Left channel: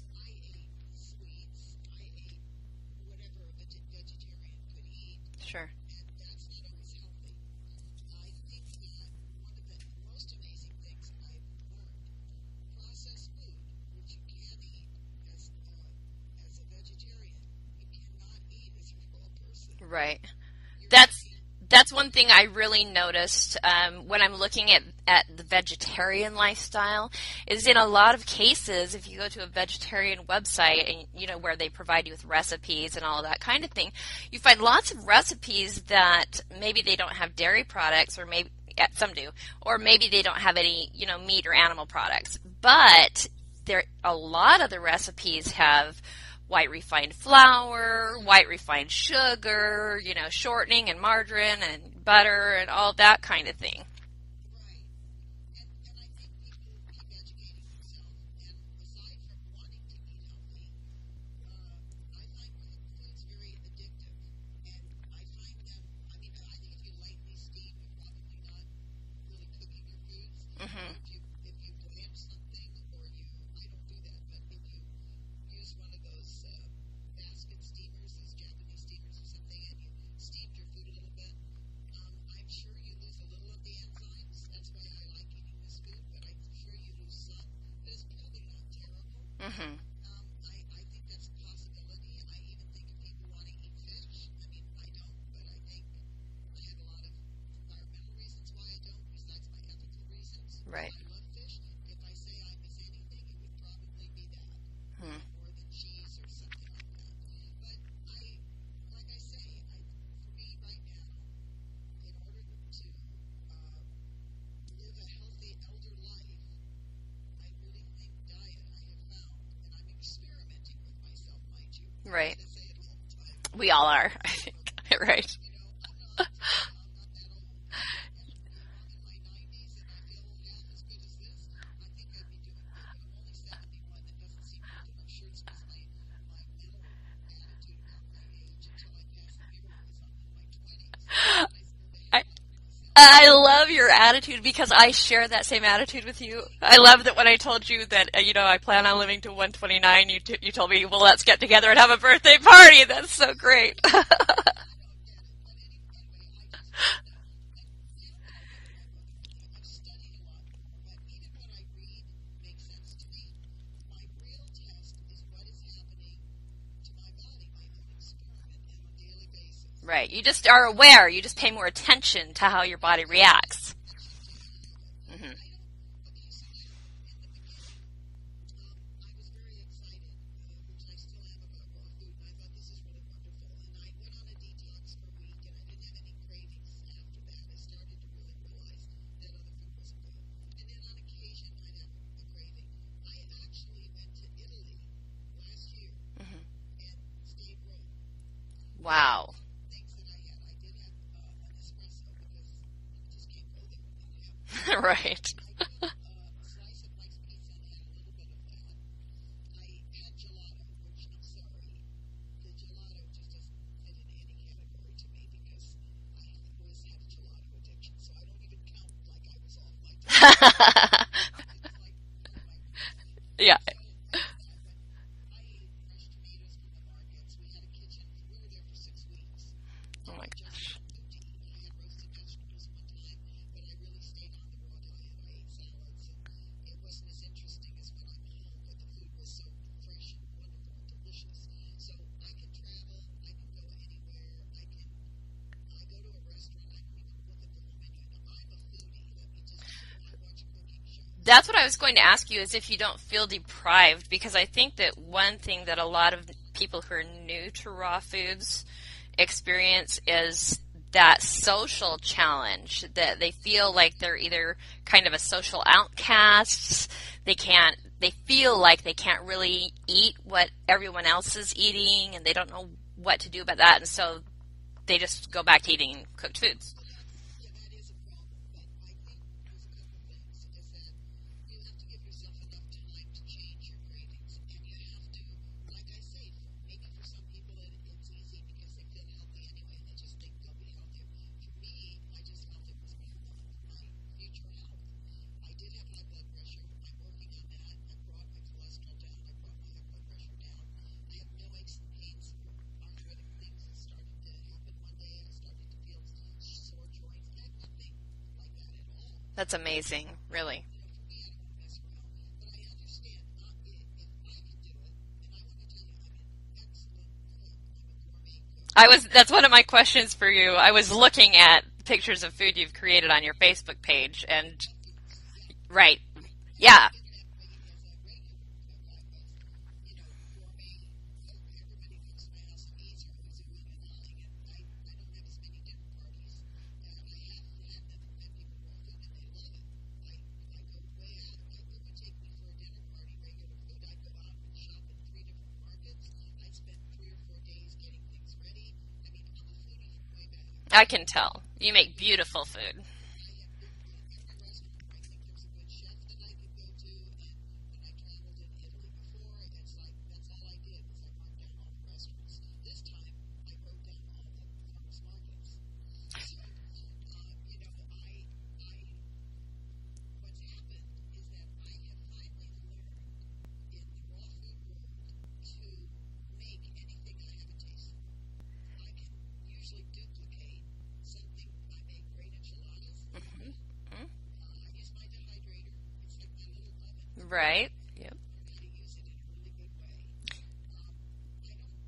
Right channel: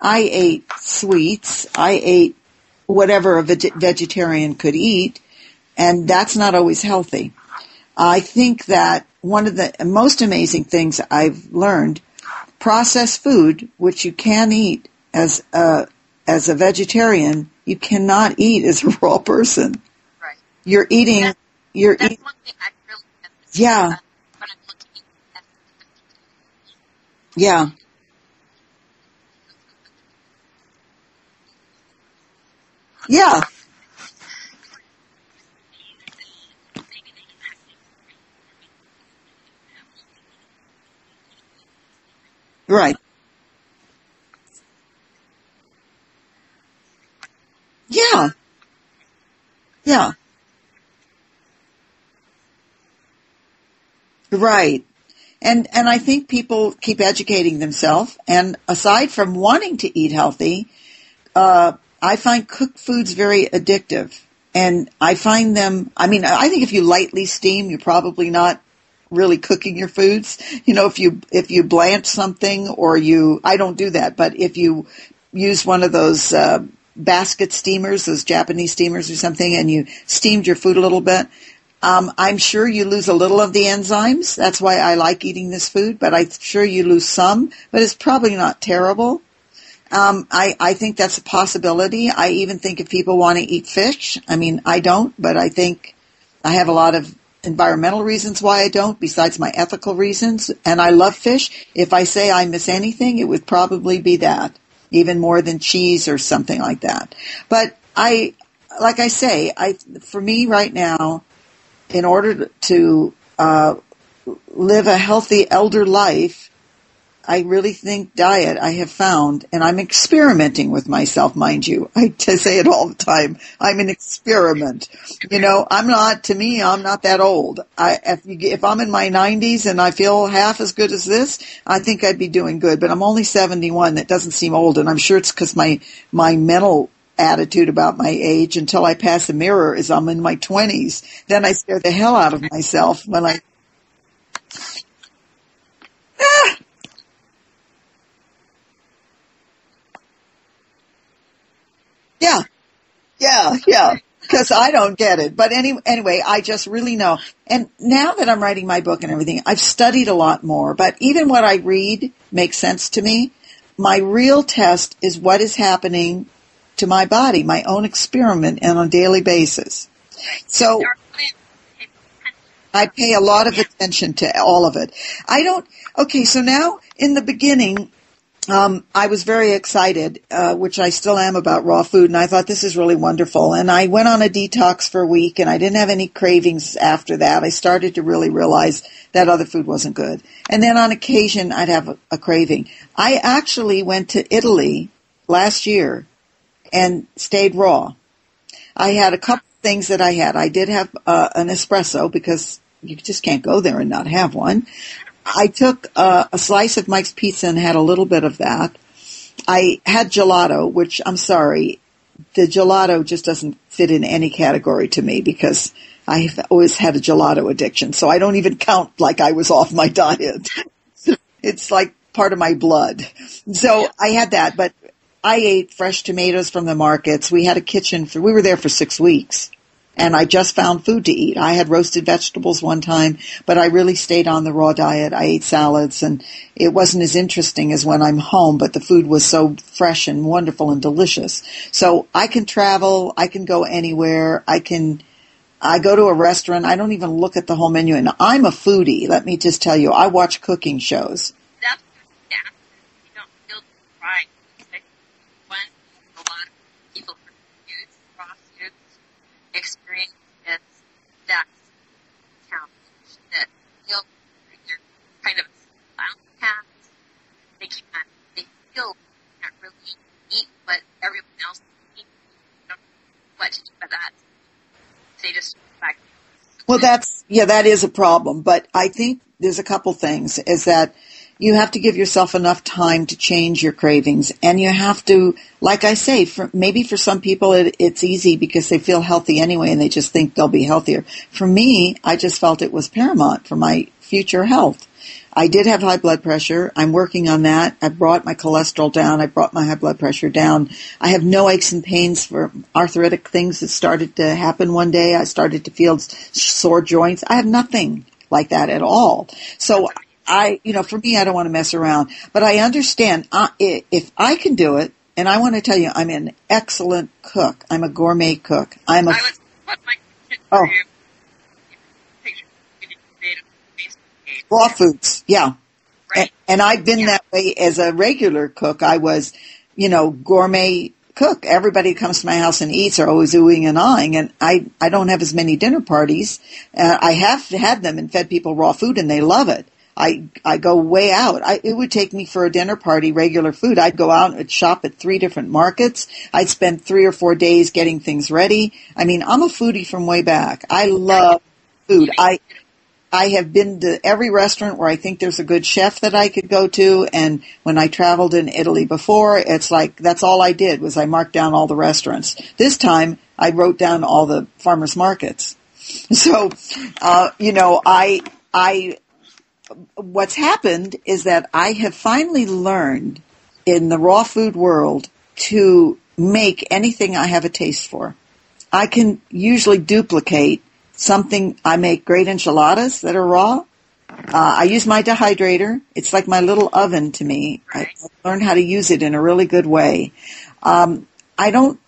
I ate sweets. I ate whatever a vegetarian could eat, Sure. and that's not always healthy. I think that one of the most amazing things I've learned, processed food, which you can eat as a vegetarian, you cannot eat as a raw person. Right. You're eating. That's one thing I really noticed when I'm looking at the vegetarian lifestyle. Yeah. Is in a lot of cases, if you go to a vegetarian website and where they provide you with recipes and all that kind of thing, you find lots of recipes that maybe they don't have dairy products, or maybe some do, or maybe they don't have any meat or animal products. But a lot of the recipes have white refined flour, white refined sugar, shortening and margarine and butter and all that kind of thing. Right. And I think people keep educating themselves. And aside from wanting to eat healthy, I find cooked foods very addictive. And I find them, I think if you lightly steam, you're probably not really cooking your foods. Mm-hmm. If you blanch something I don't do that, but if you use one of those basket steamers, those Japanese steamers or something, and you steamed your food a little bit, I'm sure you lose a little of the enzymes. That's why I like eating this food, but I'm sure you lose some, but it's probably not terrible. Mm-hmm. I think that's a possibility. I even think if people want to eat fish, I don't, but I think I have a lot of environmental reasons why I don't, besides my ethical reasons, and I love fish. If I say I miss anything, it would probably be that. Even more than cheese or something like that. But for me right now, in order to live a healthy elder life, I really think diet, I have found, and I'm experimenting with myself, mind you. I say it all the time. I'm an experiment. I'm not that old. If I'm in my 90s and I feel half as good as this, I think I'd be doing good. But I'm only 71. That doesn't seem old, and I'm sure it's because my mental attitude about my age until I pass a mirror is I'm in my 20s. Then I scare the hell out of myself. I love your attitude because I share that same attitude with you. I love that when I told you that, I plan on living to 129, you told me, well, let's get together and have a birthday party. That's so great. Yeah, because I don't get it. But anyway, I just really know. And now that I'm writing my book and everything, I've studied a lot more. But even what I read makes sense to me. My real test is what is happening to my body, my own experiment, and on a daily basis. Right. You just are aware. You just pay more attention to how your body reacts. I pay a lot of attention to all of it. Mm-hmm. So now, in the beginning, I was very excited, which I still am, about raw food, and I thought this is really wonderful. And I went on a detox for a week, and I didn't have any cravings after that. I started to really realize that other food wasn't good. And then on occasion, I'd have a craving. I actually went to Italy last year and stayed raw. I had a couple of things that I had. I did have an espresso because you just can't go there and not have one. Right. I took a slice of Mike's Pizza and had a little bit of that. I had gelato, which I'm sorry, the gelato just doesn't fit in any category to me because I've always had a gelato addiction. So I don't even count like I was off my diet. It's like part of my blood. Yeah. So I had that, but I ate fresh tomatoes from the markets. We had a kitchen we were there for 6 weeks, and I just found food to eat. I had roasted vegetables one time, but I really stayed on the raw diet. I ate salads, and it wasn't as interesting as when I'm home, but the food was so fresh and wonderful and delicious. So I can travel. I can go anywhere. I go to a restaurant. I don't even look at the whole menu. And I'm a foodie. Let me just tell you, I watch cooking shows. That's what I was going to ask you, is if you don't feel deprived, because I think that one thing that a lot of people who are new to raw foods experience is that social challenge, that they feel like they're either kind of a social outcast. They feel like they can't really eat what everyone else is eating, and they don't know what to do about that. And so they just go back to eating cooked foods. Well, that is a problem. But I think there's a couple things. Is that you have to give yourself enough time to change your cravings. And you have to, like I say, maybe for some people it's easy because they feel healthy anyway and they just think they'll be healthier. For me, I just felt it was paramount for my future health. I did have high blood pressure. I'm working on that. I brought my cholesterol down. I brought my high blood pressure down. I have no aches and pains for arthritic things that started to happen one day. I started to feel sore joints. I have nothing like that at all. That's amazing. So for me, I don't want to mess around. But I understand if I can do it, and I want to tell you, I'm an excellent cook. I'm a gourmet cook. That's one of my questions for you. Oh. I was looking at pictures of food you've created on your Facebook page. And raw foods, yeah. Right. And I've been that way as a regular cook. I was, gourmet cook. Everybody who comes to my house and eats are always oohing and ahhing, and I don't have as many dinner parties. I have had them and fed people raw food, and they love it. I go way out. It would take me for a dinner party, regular food. I'd go out and shop at 3 different markets. I'd spend 3 or 4 days getting things ready. I mean, I'm a foodie from way back. I love you make food. Beautiful food. I have been to every restaurant where I think there's a good chef that I could go to. And when I traveled in Italy before, it's like that's all I did was I marked down all the restaurants. This time I wrote down all the farmers markets. So, what's happened is that I have finally learned in the raw food world to make anything I have a taste for. I can usually duplicate something. I make great enchiladas that are raw. I use my dehydrator. It's like my little oven to me. Right. I learned how to use it in a really good way.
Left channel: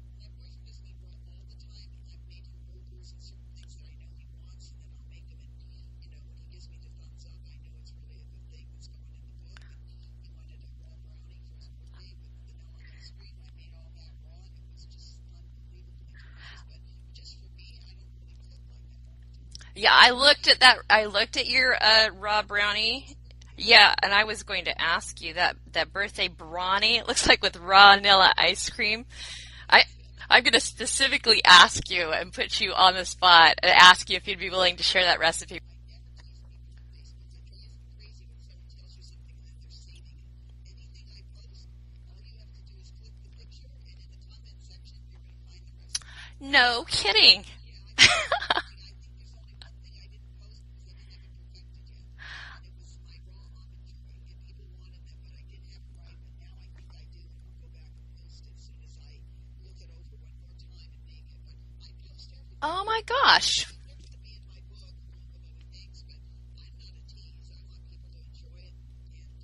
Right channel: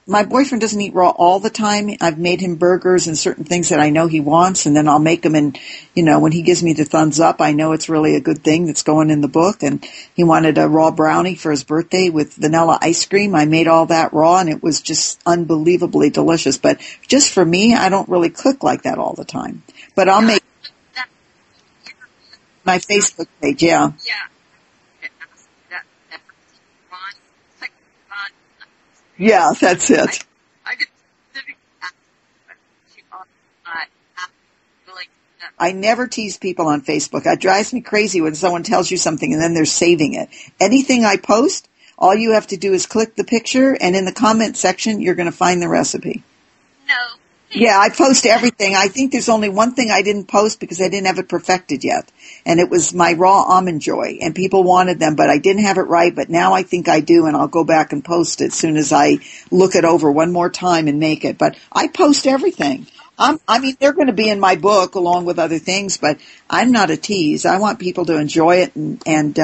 My boyfriend doesn't eat raw all the time. I've made him burgers and certain things that I know he wants, and then I'll make them. And, when he gives me the thumbs up, I know it's really a good thing that's going in the book. And he wanted a raw brownie for his birthday with vanilla ice cream. I made all that raw, and it was just unbelievably delicious. But just for me, I don't really cook like that all the time. Yeah, but I looked at your raw brownie. My Facebook page, yeah. And I was going to ask you that birthday brownie. It looks like with raw vanilla ice cream. Yeah, that's it. I'm going to specifically ask you and put you on the spot and ask you if you'd be willing to share that recipe. I never tease people on Facebook. It drives me crazy when someone tells you something and then they're saving it. Anything I post, all you have to do is click the picture, and in the comment section, you're going to find the recipe. No kidding. Yeah, I post everything. I think there's only one thing I didn't post because I didn't have it perfected yet. And it was my raw almond joy. And people wanted them, but I didn't have it right. But now I think I do, and I'll go back and post it as soon as I look it over one more time and make it. But I post everything. Oh, my gosh. They're going to be in my book along with other things, but I'm not a tease. I want people to enjoy it. And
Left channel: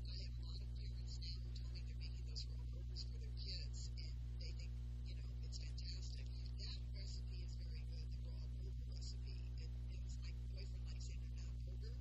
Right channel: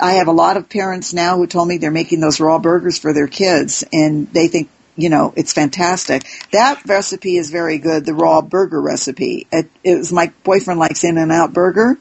I have a lot of parents now who told me they're making those raw burgers for their kids, and they think, it's fantastic. That recipe is very good, the raw burger recipe. It was my boyfriend likes In-N-Out Burger,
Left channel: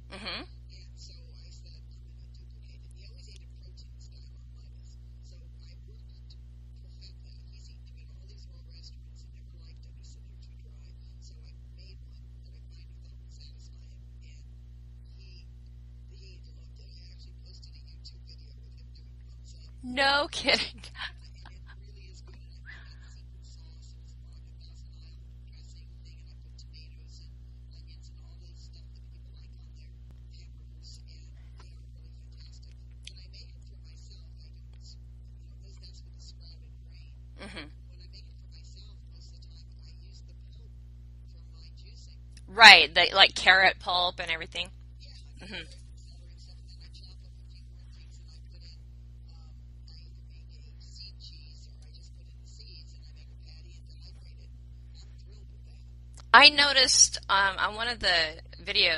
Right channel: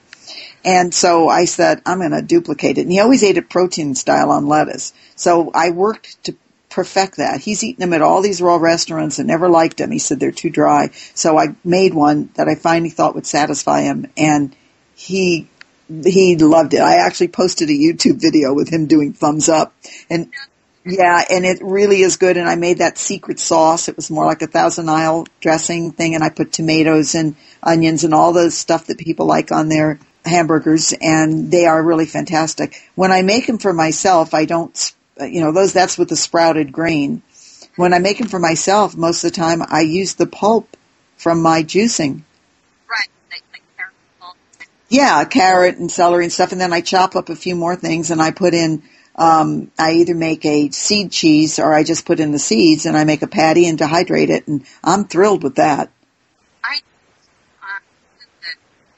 and so I said, I'm going to duplicate it. And he always ate it protein style on lettuce. So I worked to perfect that. He's eaten them at all these raw restaurants and never liked them. He said they're too dry. So I made one that I finally thought would satisfy him, and he loved it. I actually posted a YouTube video with him doing thumbs up. No kidding. Yeah, and it really is good. And I made that secret sauce. It was more like a Thousand Isle dressing thing, and I put tomatoes and onions and all the stuff that people like on their hamburgers, and they are really fantastic. When I make them for myself, I don't, that's with the sprouted grain. Mm-hmm. When I make them for myself, most of the time I use the pulp from my juicing. Right, like carrot pulp and everything. Yeah, carrot and celery and stuff, and then I chop up a few more things, and I put in, I either make a seed cheese or I just put in the seeds, and I make a patty and dehydrate it, and I'm thrilled with that. I noticed on one of the video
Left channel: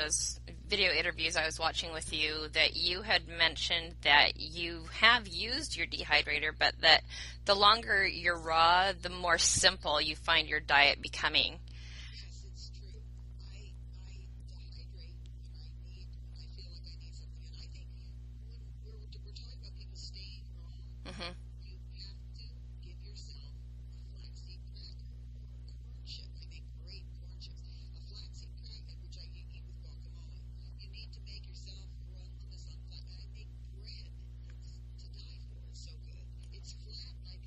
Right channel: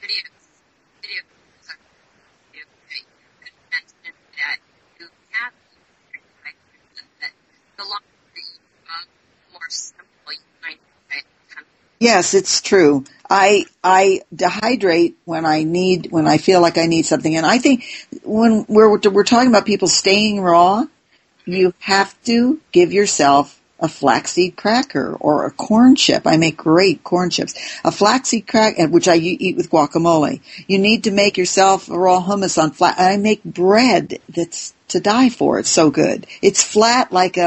interviews I was watching with you that you had mentioned that you have used your dehydrator, but that the longer you're raw, the more simple you find your diet becoming. Yes, it's true. I dehydrate when I feel like I need something. And I think when we're talking about people staying raw, mm-hmm. you have to give yourself a flaxseed cracker or a corn chip. I make great corn chips. A flaxseed cracker, which I eat with guacamole. You need to make yourself a raw hummus on flat. I make bread that's to die for. It's so good. It's flat like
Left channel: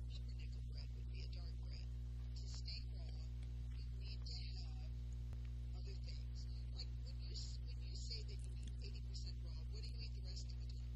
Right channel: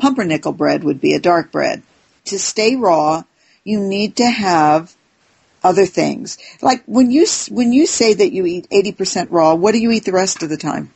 pumpernickel bread would be, a dark bread. To stay raw, you need to have other things. Like when you say that you eat 80% raw, what do you eat the rest of the time?